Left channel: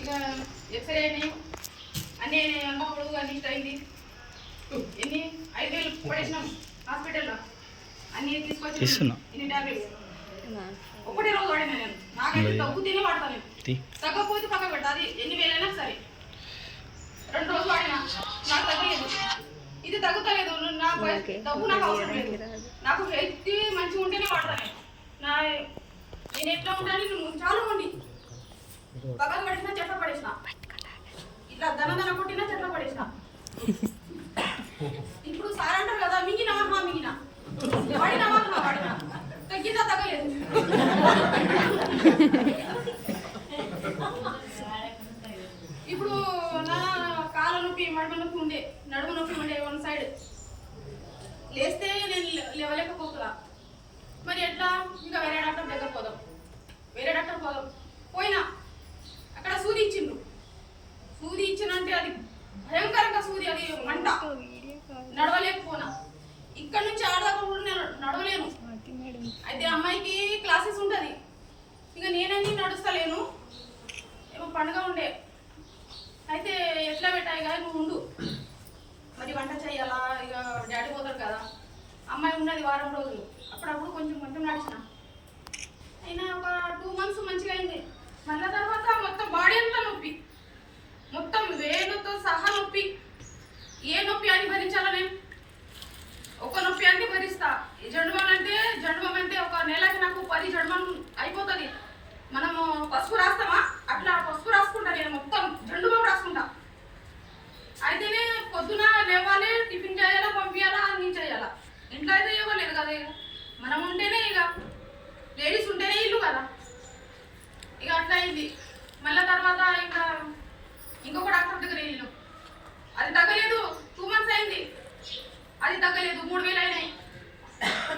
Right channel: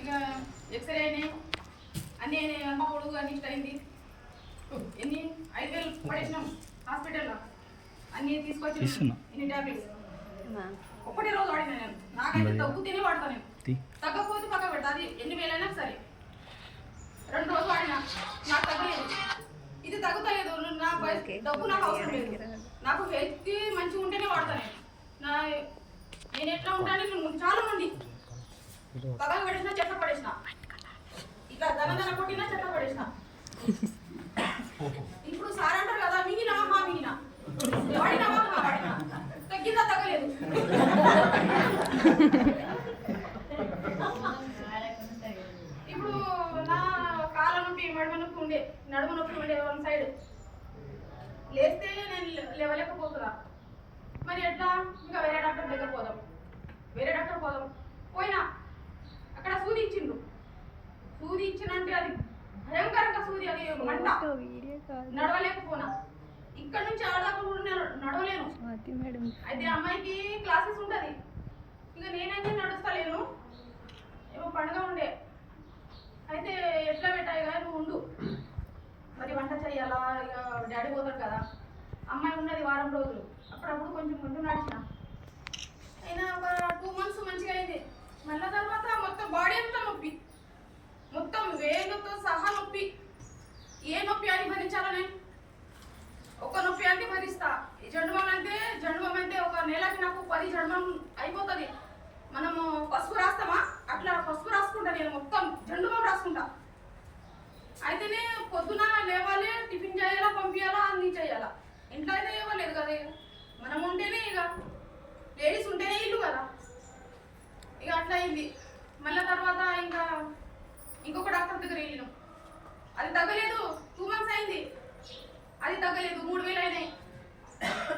ఇక ఎక్స్రే అయినాయి అన్నీ అయినాయి. అమ్మ కొడుకు అన్ని అయింది. ఎన్ని 5,000 పడేసినాం హాస్పిటల్లో. అన్నీ తీసుకొచ్చి ఇన్ని టాబ్లెట్స్ ఒకటే రోజు వాడినా నేను. నాకైతే తగ్గుతేనే వాడతాను నేను, తగ్గకపోతే పక్క పెడతా. అది ఎన్ని వేలైనా సరే 2 రోజులు వాడినా నాకు తగ్గలేదు. ఇది తగ్గుతలేదు. డబ్బు నాకు అవసరం లేదు. నాకు హెల్త్ మంచిగా ఉంటేనే వాడతాను నేను ఎట్లా ఉంటాను. చాలా మంది పక్కన పడేసిన చెట్ల పడేసిన, ఇట్లా దన కొట్టినా చెట్ల పడేసిన. ఇప్పుడు సార్ అంటారు కదా, మింగినవా మింగినా, వాడినవా వాడినా, తగ్గిందా తగ్గలేదు. ఇప్పుడు నా కాళ్ళ నొప్పి మడమ నొప్పి ఉండే, నడుమ నొప్పి ఉండే 1 సైడ్. లేస్తే నేను లేవలేకపోతున్నా. మరి ఎట్లా? ఇంకా వేరే డాక్టర్ దగ్గర పోదాం, వేరే డాక్టర్ పోదాం. పోయినా అక్కడ సూది ఇచ్చిండ్రు. సూది ఇచ్చినంటే అది భయంకరంగా సూది, అది మంట. నడవలేకపోనా. ఇక్కడ నుంచి ఆడదాకా కూడా నేను నడవలేను. అయితే అమ్మాయికి క్లాసెస్ ఉంటుంది. ఇక నేనన్నీ నడుస్తలేను. ఏమో పండుగ ఉండే. అయితే ఎట్లా పెట్టాయి కదా, నువ్వు ఉండు, మరి వంట చెయ్యాలా. ఇక డాడీ పోతాడు కదా, అమ్మాయి ఉన్నది వారం రోజులు. అప్పుడప్పుడు కొంచెం కొంచెం నడిచిన. అయినా ఒక 2 మంత్స్ మంచిగా అయింది. మళ్ళా తర్వాత మొత్తం బాడీ అంతా నొప్పి, మొత్తం వేలుతో సహా నొప్పి. ఏ నొప్పి అని భరించాలా నేను? ఒక నొప్పి అంటే భరిస్తా. జండుబాం అంటే ఒక నెలకి నాకు 10 జండుబాం అయిపోతుంది. మనము పసుపు రాస్తామా, అట్లా పసుపు రాసుకుంటా నేను. మొత్తం జండుబాం రాసుకుంటా. అయితేనే పొద్దున లేవాలి, టిఫిన్ చేయాలా, పంపించాలా, అన్నీ చేయాలా. ఇంట్లో అయితే ఇవ్వలేదు కదా. మనం ఉంటేనే, ఇక లేడీస్ ఉంటేనే ఇల్లు కదా. ఇక అట్లా అయింది. మళ్ళీ తర్వాత ఇంకా ఇంకొక డాక్టర్ దగ్గర వెళ్ళినాం. అది తగ్గలేదు. 2 మంత్స్ అయింది, అది తగ్గలేదు. 3,000 అయినాయి.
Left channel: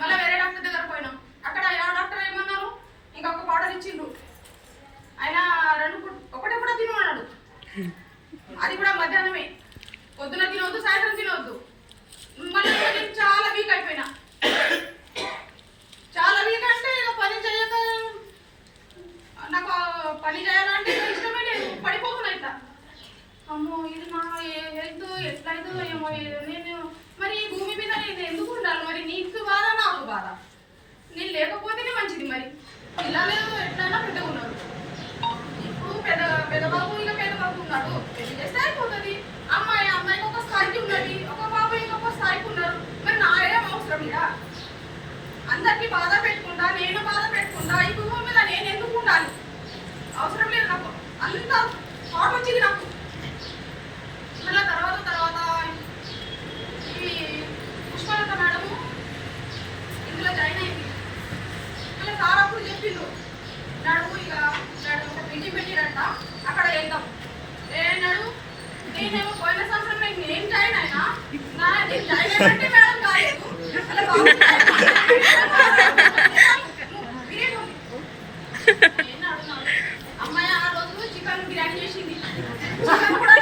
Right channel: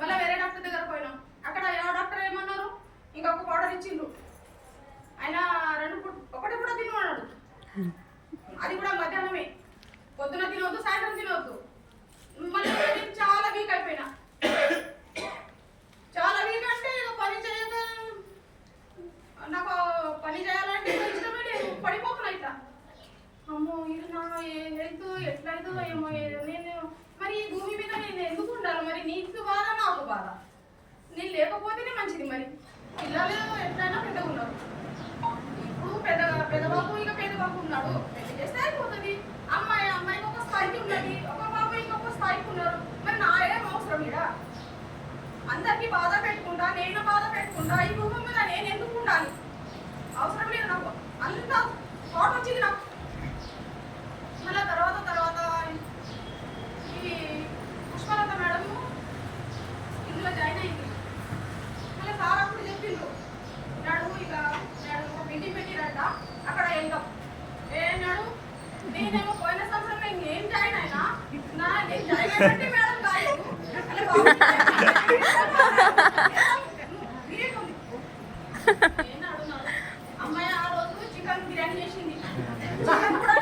మళ్ళీ వేరే డాక్టర్ దగ్గర పోయినాం. అక్కడ డాక్టర్ ఏమన్నారు, ఇంకొక పౌడర్ ఇచ్చిండ్రు. ఆయన ఒకటే కూడా తినమన్నాడు. అది కూడా మధ్యాహ్నమే. పొద్దున తినవద్దు, సాయంత్రం తినవద్దు. మళ్ళీ చాలా వీక్ అయిపోయినా. చాలా వీక్ అంటే ఇక పని చేయక, నాకు పని చేయాలంటే ఇష్టమే లేదు. పడిపోతున్నా ఇట్లా. అమ్మో, ఇది నా హెల్త్ ఎట్లా అవుతుందో ఏమో. నేను మరి ఈ భూమి మీద నేను ఎందుకు ఉండాలి? మరి నీకు బాధ, నాకు బాధ. నేను లేకపోతేనే మంచిది. మరి పిల్లలు ఎట్లయినా పెద్దగా ఉన్నారు. ఇప్పుడు పెద్దబాబు ఇక పెద్దబాబు ఉన్నాడు. పెళ్లి చేస్తే అయిపోతుంది. అమ్మాయికి ఒక స్థాయికి ఉన్నది, ఒక బాబాయికి ఒక స్థాయికి ఉన్నారు. మరి నా ఏం అవసరం ఇక? అందరికీ బాధ పెట్టుకుంటా, నేను బాధ పెట్టుకుంటా. ఈ భూమి మీద నేను ఎందుకు ఉండాలి? అవసరం లేదు నాకు. అంత థాట్ వచ్చింది నాకు. మళ్ళీ తర్వాత ఈ పుష్పలత మేడము ఇందులో జాయిన్ అయింది. ఇలా సార్ అప్పుడు చెప్పిండు, నడుము ఇక మీటింగ్ పెట్టిరంట, అక్కడ వెళ్దాం. నడు. నేనేమో పోయిన సంవత్సరం నేను జాయిన్ అయినా. నేను జాయిన్ అయినట్టే మేడం కాలేదు. అలా బాబు అమ్మాయి ఆ రోజు చికెన్ బిర్యానీ చేసింది. చికెన్ కూడా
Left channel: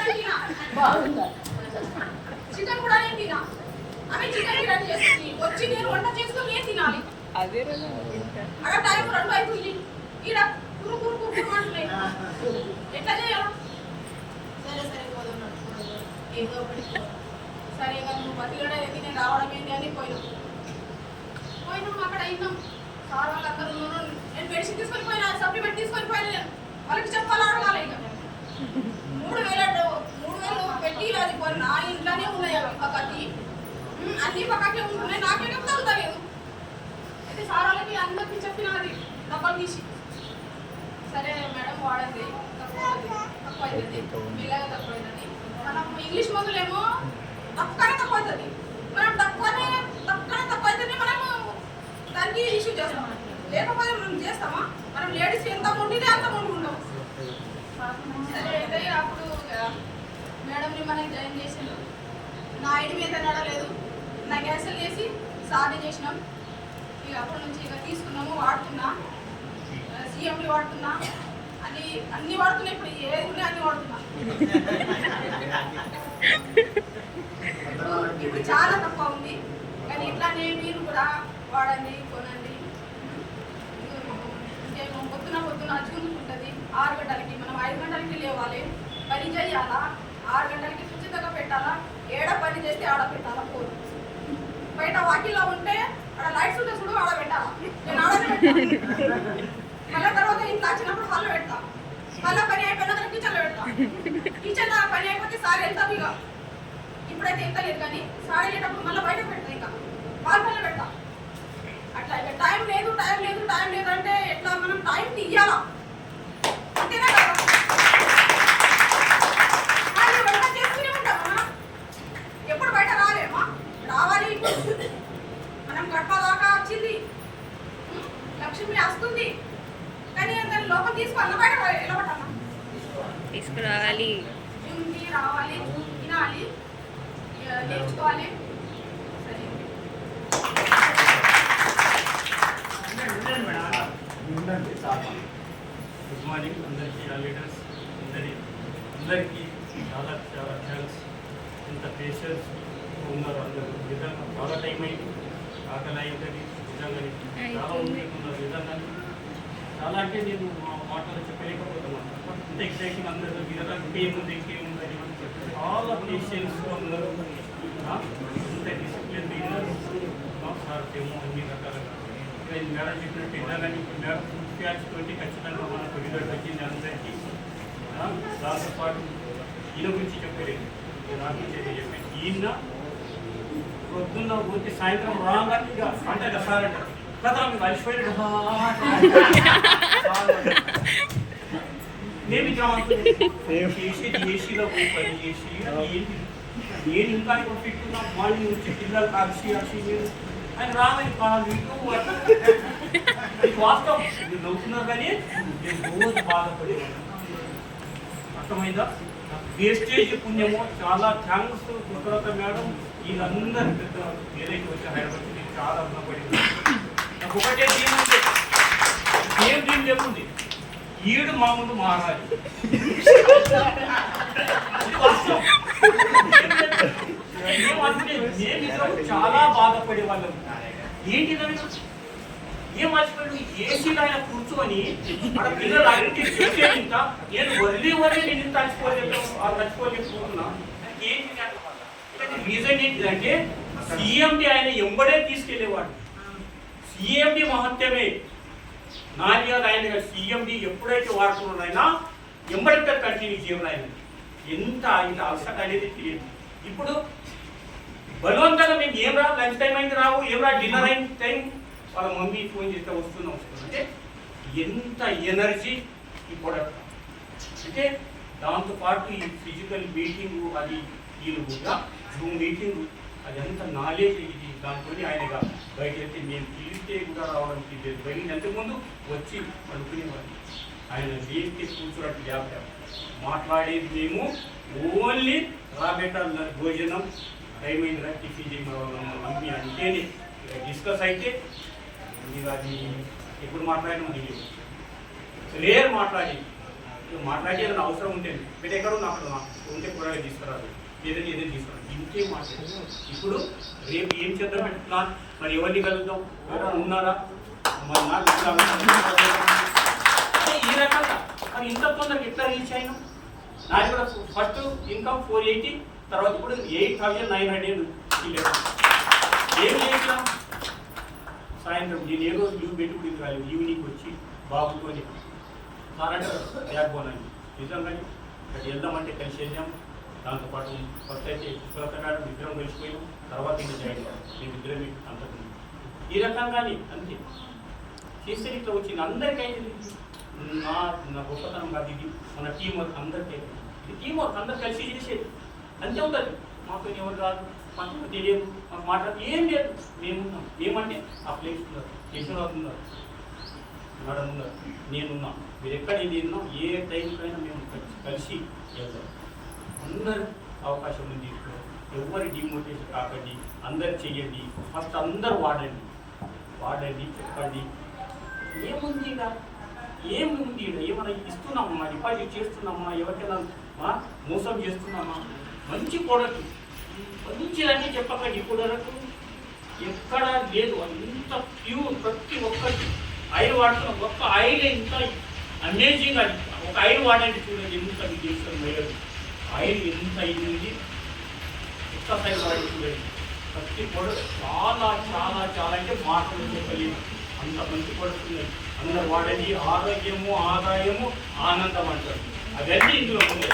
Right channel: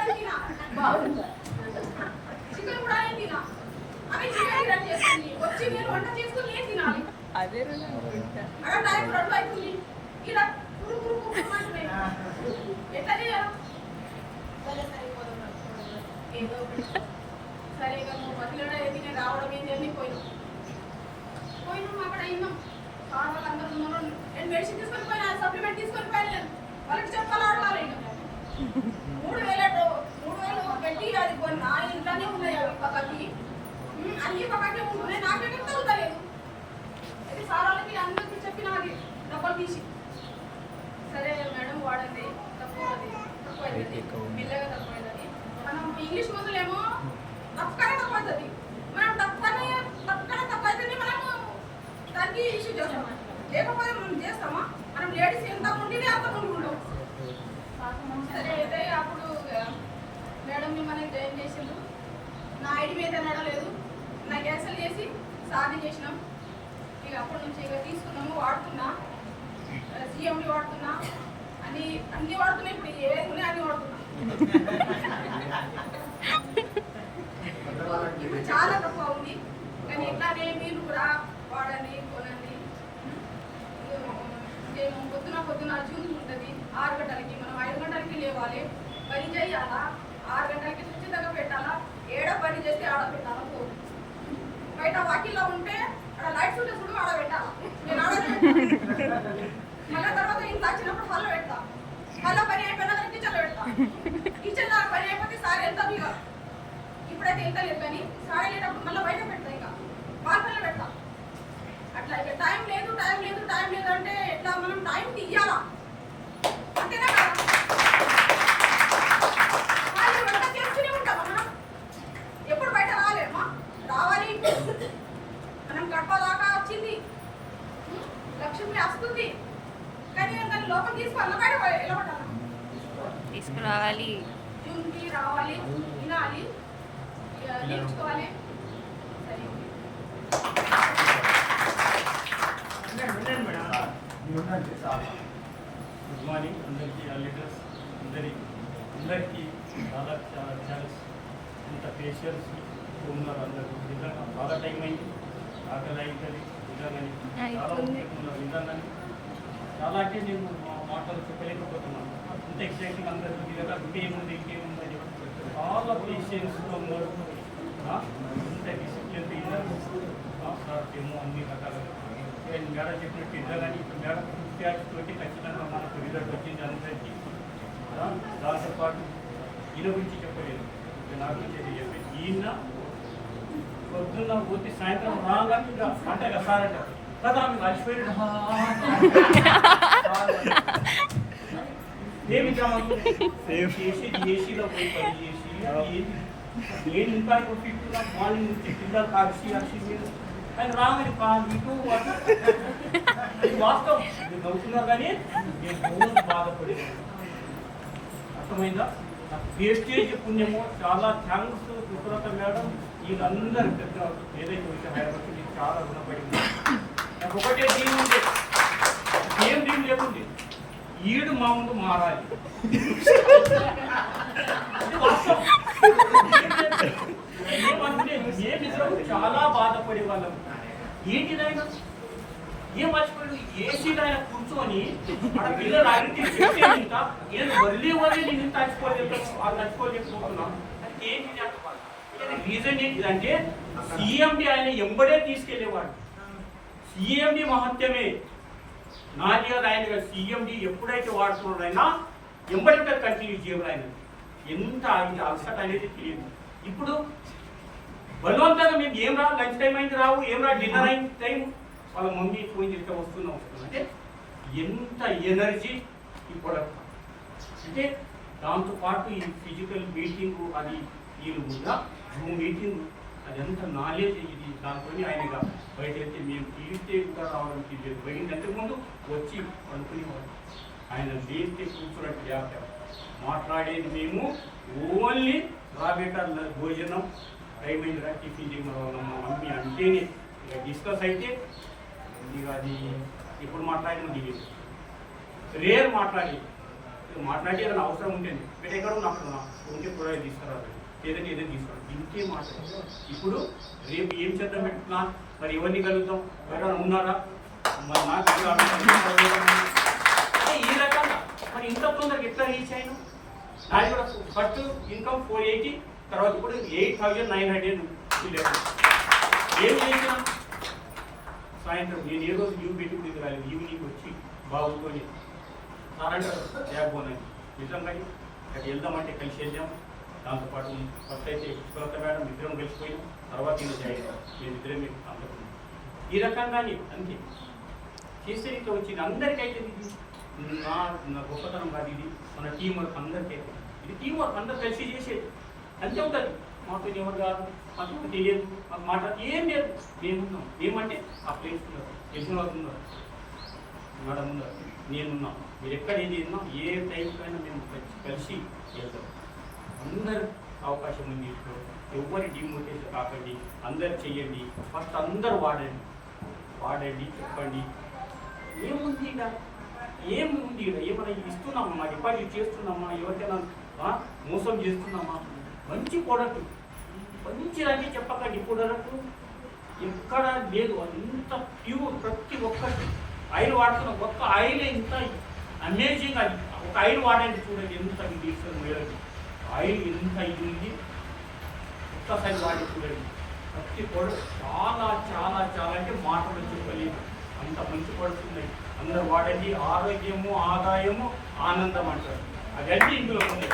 నేను తినా. ఆమె చికెన్ బిర్యానీ చేస్తుంది. వచ్చి నేను వంట చేసుకుని ఏం తినాలి? అదే అక్కడ టైం 2 అవుతుంది. ఇక్కడ అంటున్నాయి. ఎట్లా చేయాలా? సరే పోతున్నాడు ఏదో ఒకటి. సరే ఇక నువ్వు బతిలడే తినే రావడం ఏంటి అని పోయినాం. అక్కడ అయినాం. సార్ వాళ్ళు అందరూ ఉన్నాను. నేను మెడిసిన్ తీసుకొని పోయినా, సప్లిమెంట్ తీసుకొని పోయినా. నేను వాళ్ళకి చెప్పాలి, అడగాలి. ఇక 3,000 పెట్టి అది నా ఇంట్లోనే ఉన్నాయి. అవి పక్కకి అన్ని పక్కకే ఉంటున్నాయి. నాకేం తగ్గుతలేదు. అయితే సార్ వాళ్ళకి అందరికీ చెప్పిన అది డబ్బులు తీసి, సరే మేడం వాడండి, తక్కువ అవుతుంది, మెల్లగా తక్కువ అవుతుంది. మనం ఇంగ్లీష్ మందులేమో తక్కువనే తక్కువ అవుతుంది. మనం తక్కువనే తక్కువ అవుతుంది. మనము దానికి ఇష్యూ చేస్తాం. లేకపోతే మనం చేస్తామా? మనం లేడీస్ ఎంత ఉండితే అంత ఉండి ఉంటాం. సరే అయితే అప్పుడు మేడంని మనం జాయిన్ చేసిండు. నా ఐడి మీద నడలేదు. నా క్యాన్సిల్ చేసి సాధన చేసినాం. ఇక అప్పటి నుంచి ఇక తీసుకున్నాము, వాడుతున్నా. సిఎండి వాడుతున్నా, అన్ని వాడుతున్నా. ఇప్పుడు ఏది ఉన్నాయి అన్ని వాడుతున్నా. ఇప్పుడు చాలా తక్కువ ఉంది. కానీ ఇట్లానే మీరు కూడా వాడండి, కొనండి. 6 గంటలకి మనం 5 గంటలకి లేవాలి, పని చేయాలా, 6 గంటలకి ఖచ్చితంగా పెట్టాలా, ఏడ పని చేస్తే ఆడ పెట్టాలా. ఫోన్ బయట వాకిల్లో ఉంటే అక్కడ లైట్స్ ఉంటే చూడు ఆడ పెట్టాలా, నేను ఆడనే పెట్టాను. మళ్ళీ తర్వాత ఇంట్లో వచ్చినప్పుడు హాల్లో పెడతా, హాల్లో పని అయిపోయిన తర్వాత కిచెన్లో పెడతా. కిచెన్ పని అయిపోతే సారీ వెళ్తాం. ఇక ఇప్పుడైతే ఎంత లేదు కానీ సారీ వెళ్ళేటప్పుడు మళ్ళీ బయట పెడతా, ఇంకా బాల్కనీలో పెడతా. అట్లా ఇక టైం లేదు అంటే ఎట్లా మనం టైం తీయాలా, అంతేనా కదా. వంట చేసుకునే ఉంటామా, ఎప్పుడు బయట రాలేమా, రావాలి. మనం గడప దాకా వచ్చింది, లక్ష్మి వస్తుంది, కానీ దాన్ని లోపల తీసుకోవాలా, బయట వెళ్ళబట్టాలా, తీసుకురావాలి, ఇంటికి రావాలి, తినాలి, నేర్చుకోవాలి. సరే గుడ్ మార్నింగ్ అందరికీ, లీడర్స్ అందరికీ చాలా చాలా థ్యాంక్స్. ఇంత పేషెన్స్ ఉన్నారు అందరూ. నిజంగా చాలా టైం అయింది, ఆకలి అవుతుంది నిజంగానే, చాలా మంది ఉన్నారు నిజంగానే. చాలా అంటే నేను మా మాటలు చెప్పలేకపోతున్నాను. ఇంత ఎక్సైటింగ్ అందరూ నిజంగా ఇంకేముంది అని చాలా పేషెన్స్గా ఉన్నారు. ఇంత డిసిప్లిన్ సార్ ఏమో అన్ని రకాలుగా మేడం చెప్పినట్టు నిజంగానే ఇప్పుడు మేడం ప్యాచ్ తోటి ఖచ్చితంగా మనకు రిజల్ట్ వచ్చింది అందరికీ. దాంతో పాటు ఈయన గురించి చెప్పలేదు, నా గురించి అయితే చెప్పాను. ఈయన పొద్దున్న వచ్చి సాయంత్రం రాగానే ఇక అంటే సార్ అంటారు కదా మీకు అలసిపోయిన నేను ఏసీలో పోయి పని చేసి నేను ఇంకా ఇప్పుడు ఫిట్గా మార్నింగ్ నుంచి పిల్లలు కలిసి నేను ఆయన రాగానే కాదు ఇటు వాస్తవం మీరు నవ్వుతున్నారు కానీ నేను రోజు బాధపడేవాడు. అర్థమైందా? వేస్టేజ్ పుణ్యము. చాలా థ్యాంక్స్ కృతజ్ఞత మేడం. వీళ్ళందరూ పెద్ద ఏదైతే వచ్చి హైదరాబాద్ మీరు చాలా రుణపడింది. నాకు ఒకటే దీని ఉంది, ఏం దీని ఏముంది, ఈడు మా ముందు మారాలి. మేము చాలా బాధపడే వాళ్ళం. ఏంటిదైనా ఏం మర్చిపోయాడు, ఏసీలో ఆయన కూర్చొని మన పిల్లలు అన్నింటి ఇంత నేను వదిలి నేను చచ్చిపోలేకపోతున్నా. ఏంటి రీజన్ ఏంటిదంటే సిఎండి ఆయన ఎంబడే తీసుకెళ్లేవాడు. సిఎండి మహత్యమే నాది కాదు, ఆయన సిఎండి ఎప్పుడైతే వాడుతున్నాడు ఆయన ఎంబడే కంటిన్యూ చేయడం. ఆయన ఎంత ఇంత అలసట అనేది తెలియదు. ఇప్పుడు బలవంతంగా మేము ఏం రా లంచ్ టైం అయింది రావు, ఏం రా డిన్నర్ అయిన టైం, వాళ్ళ మమ్మీ ఫోన్ చేస్తే వస్తున్నాం అంటే ఎంత ఎనర్జీ ఈ ప్రొడక్ట్. అంటే దాంతోపాటు ఈ ఫిజికల్ మీటింగు అది వీళ్ళు కూడా జూమ్ మీటింగు అది ఎంత నాలెడ్జ్ ఇది. దాంతో ఆయనగా బయట వెళ్తే మేము పిలిస్తే కూడా రావడానికి లేదు. బయట ఎంతకుముందు వచ్చి అనుకునేవాళ్ళు. ఆయన దేనికి కూర్చున్నట్టు ల్యాప్టాప్ మాట్లాడేది మేము ఓన్లీ రాబేట భోజనం టైం అయిన టిఫిన్ చేయడం వల్ల మమ్మీ అంటేనే ఇక డిస్కస్ అయితే ఇక అది ఎప్పుడు మాట్లాడినా ఇది రేర్ మాట్లాడేది. ఏదైనా అవసరం ఉంటుంది మీరు ఎక్కడ అక్కడ ఉంటే కూరగాయలు తీసుకురాదు, ఏదైనా తీసుకురాదు, ఇంకే మాట్లాడదు. ఇప్పుడు రేపు ఏం చేద్దాం పెట్టుకున్నా, మరి ఎవరిని కలుద్దాం, ఎవరైనా ఉన్నారా, మరి నాకు ఈ రకంగా మరి ఇంత తొందరగా ఎట్లా రీచ్ అయినా. నాది కూడా ఫస్ట్ ఇన్కమ్ 480, తర్వాత ఇప్పుడు 8,911. ఏం చేసినా సాయంత్రం నేను ఏ రోజు లీవ్ పెట్టి కూడా ఇది కాలేదు. ఈవినింగ్ వచ్చి బాబుతోని నారంటారు బ్యాక్ బోన్ అని. నిజంగా అక్కడ వెళ్దామంటే కలిసి వెళ్ళాం. దాంతోపాటు ఫస్ట్ అయితే సులత మేడం ఇద్దరం కలిసిపోయినాం. తర్వాత ఇంత జాయిన్ నేను ఇద్దరం అంతకుముందు ఈ రకంగానే అంతే చేస్తే ఇట్లా వచ్చింది. అందరికైతే ఇది నా గొప్పతనం కాదు, ఇది మన టీం వర్క్ అందరికీ అయితే. ఇది టీం వర్క్ అందరు కలిసి చేసేది అంతే ఉంటుంది. మాతో ఎవరు రాదు, మాకు తెలియదు, మాట్లాడు ఏం లేదు. మేమున్నాం. ఏమంటే ఆ ప్లేస్ ఉన్నారు, తెలిసిన వాళ్ళు ఉన్నారు, మేడం ఉన్నారు, నేనున్నాం. మీరు ఎక్కడ ఏదైనా ఏ టైంకైనా మేము కలిసి వెళ్తాం. అందరు అవకాశం ఉంది. ఇప్పుడు ఎవరి డిమోటివేషన్ కాకండి, అందరు చెయ్యండి. ఫస్ట్ అందరూ వాడండి, చెప్పండి. ఏముంది ఇక, ఏముంది ఇక, ఏమైనా ఇస్తున్నామా, డిపాజిట్ చేస్తున్నామా, ఎవరికైనా మోసం చేస్తున్నామా? మంచి ప్రోడక్ట్ మంచిదన్నీ చెప్పకండి. ప్రోడక్ట్ ఎక్కడ లేదు, అంత ప్యూర్. ప్రతి ఒక్కటి ఆయిల్ వాడుతున్న ఒక్క ఆయిల్ ఇంత అమేజింగ్. ఒక ఆయిల్ వాడండి చూడండి ఎంత డిగ్రీస్ మేడం ఆయిల్ ఎంత అయింది ఒక్కసారి వాడి చూడండి ప్రతి పొడు చాలా చాలా చాలా అంటే మాటలు చెప్పలేదు అంత మంచి పడుతున్నాయి అందరు వాడండి ఆరోగ్యము ఆదాయము ఆనందం అంటారు అవన్నీ ఇందులో ఉన్నాయి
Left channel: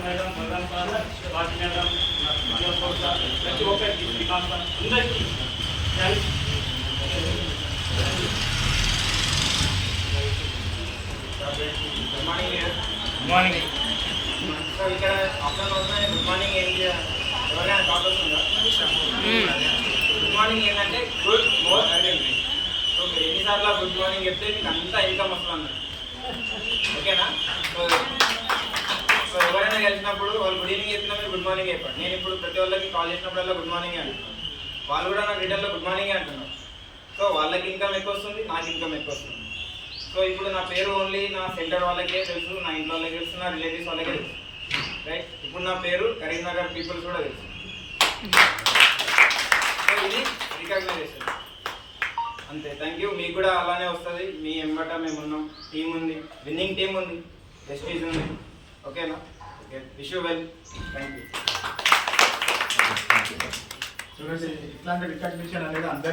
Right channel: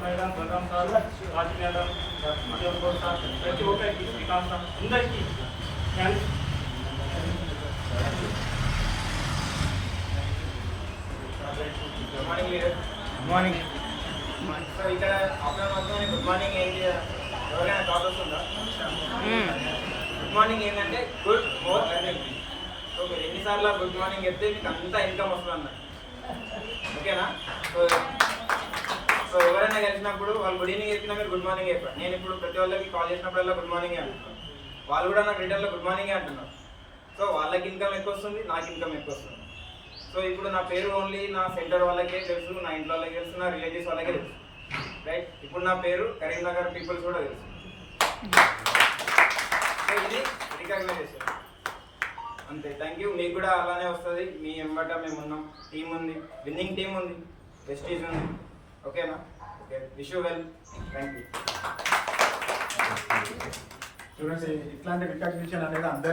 మేడం ప్రధాన సార్ వాటి మేడం ప్రతి ఒక్కరికి శ్రీకాంత్ సార్ అందరికీ థ్యాంక్స్ గుడ్ మార్నింగ్ సో ఇక్కడ అప్పుడు గుడ్ మార్నింగ్ ఏంటి ఎవరైనా కాల్ వస్తుందా గుడ్ మార్నింగ్ ఏంటంటే గుడ్ మార్నింగ్ సో మీరు ఎన్నిసార్లు గుడ్ మార్నింగ్ చెప్తే మీకు అంతా ఇన్కమ్ వస్తుంది అన్నారు ఓకేనా సో ఎవరైనా కలిసినప్పుడు వాళ్ళు గుడ్ ఈవినింగ్ చెప్పినా మీరు గుడ్ మార్నింగ్ చెప్పారు నేను ఇప్పుడు ప్రతి వాళ్ళకి కాల్ చేసినప్పుడల్లా గుడ్ మార్నింగ్ అంటాను వాళ్ళు కూడా నాకు రిటర్న్లో గుడ్ మార్నింగ్ అంటున్నారు సో వాళ్ళకి ఇన్కమ్ ఎక్కువ వస్తుంది నాకు ఇన్కమ్ ఎక్కువ వస్తుంది సో ఇప్పుడు నా పేరు ఓన్లీ నా సెంటర్ వాళ్ళకే తెలుసు నా ఇంట్లో వాళ్ళకి తెలుసు నా రిలేటివ్స్ వాళ్ళకే తెలుసు రైట్ ఇప్పుడు నా పేరు కరీంనగర్ పీపుల్స్ కూడా తెలుసు సో ఇది రికగ్నైజేషన్ అంతే థ్యాంక్ యూ మీకు కూడా అలానే వస్తుంది మీ ఎంబట మేము ఉన్నాం టీం ఉంది విన్నింగ్ టీం ఉంది వెస్టీజ్ ఉంది ఓకేనా okay wish you well thank you చూడండి ఇట్లాంటి రికగ్నిషన్ అనేది అందరి